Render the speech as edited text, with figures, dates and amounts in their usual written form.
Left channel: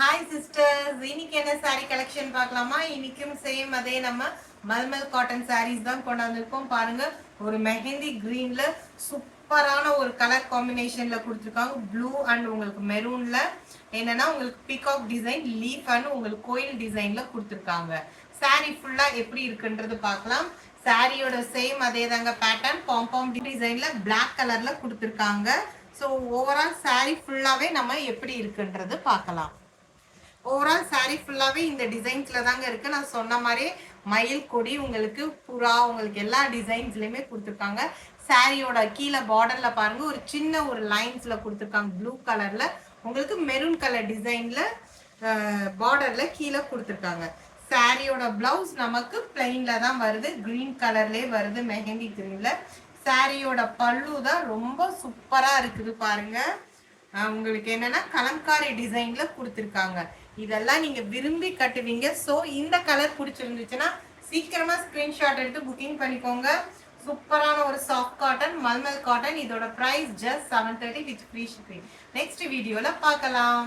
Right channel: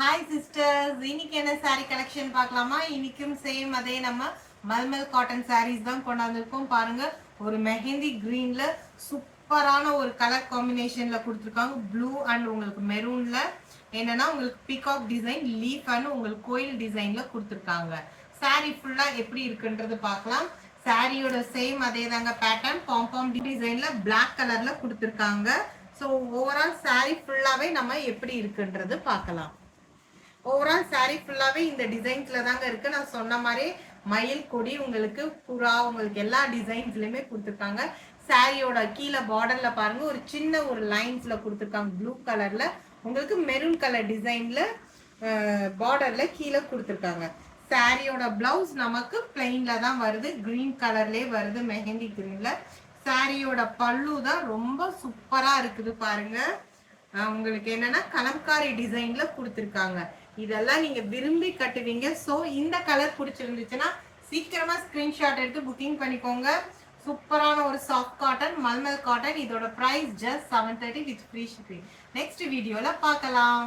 Hi sisters, இன்னைக்கு என்ன sorry collection பார்க்கலாமா? இன்னைக்கும் சேம் அதே நம்ம மல்மல் காட்டன் சாரீஸ் தான் கொண்டாந்துருக்கோம். பாருங்க, ஒரு மெஹந்தி கிரீன்ல சூப்பரான ஒரு கலர் காம்பினேஷன்ல கொடுத்துருக்காங்க. ப்ளூ அண்ட் உங்களுக்கு மெரூன்ல என்னன்னா உங்களுக்கு பீகாக் டிசைன் லீஃப் அண்ட் உங்களுக்கு கோயில் டிசைன்ல கொடுத்துருக்காங்க. சாரி ஃபுல்லா எப்படி இருக்குன்றது பார்க்கலாம். சாரியோட சேம் அதே தாங்க பேட்டர்ன் பாம்பம் டிசைன்ல பிளாக் கலர்ல கொடுத்துருக்காங்க. ஸோ ஓவரால் சாரி ஃபுல்லாவே நம்ம எப்படி இருக்குன்றது பார்க்கலாம். ஓவரால் சாரீ ஃபுல்லாகவே இந்த டிசைன்ஸில் தாங்க இருக்குது. நான் சொன்ன மாதிரி மயில் கொடி உங்களுக்கு புறா உங்களுக்கு எல்லா டிசைன்ஸ்லையுமே கொடுத்துருக்காங்க. சாரியோட கீழே பார்டரில் பாருங்கள், ஒரு சின்ன ஒரு லைன்ஸில் கொடுத்துருக்காங்க ப்ளூ கலரில். உங்களுக்கு மெரூன் கலர் டிசைனில் பார்டரில் கீழே கொடுத்துருக்காங்க. சாரியோட பிளவுஸ் நமக்கு பிளைனில் தான் வருது, க்ரீன் கலர்லேயே வருது, மெஹந்தி க்ரீனில். சாரியோட பல்லு தான் ரொம்ப சூப்பராக இருக்குது பாருங்கள். உங்களுக்கு என்னன்னா கலம்காரி டிசைன்ல கொடுத்துருக்காங்க. இதெல்லாம் நீங்க விரும்பி கட்டுவீங்க. ஸோ இந்த கலர் பிடிச்சிருந்துச்சுன்னா சீக்கிரமா ஸ்கிரீன்ஷாட் எடுத்து புக்கிங் பண்ணிக்கோங்க. சூப்பரான ஒரு சாஃப்ட் காட்டன் மல்மல் காட்டன். இதோட price just 730 with free shipping. Next வீடியோல பார்க்கலாம்.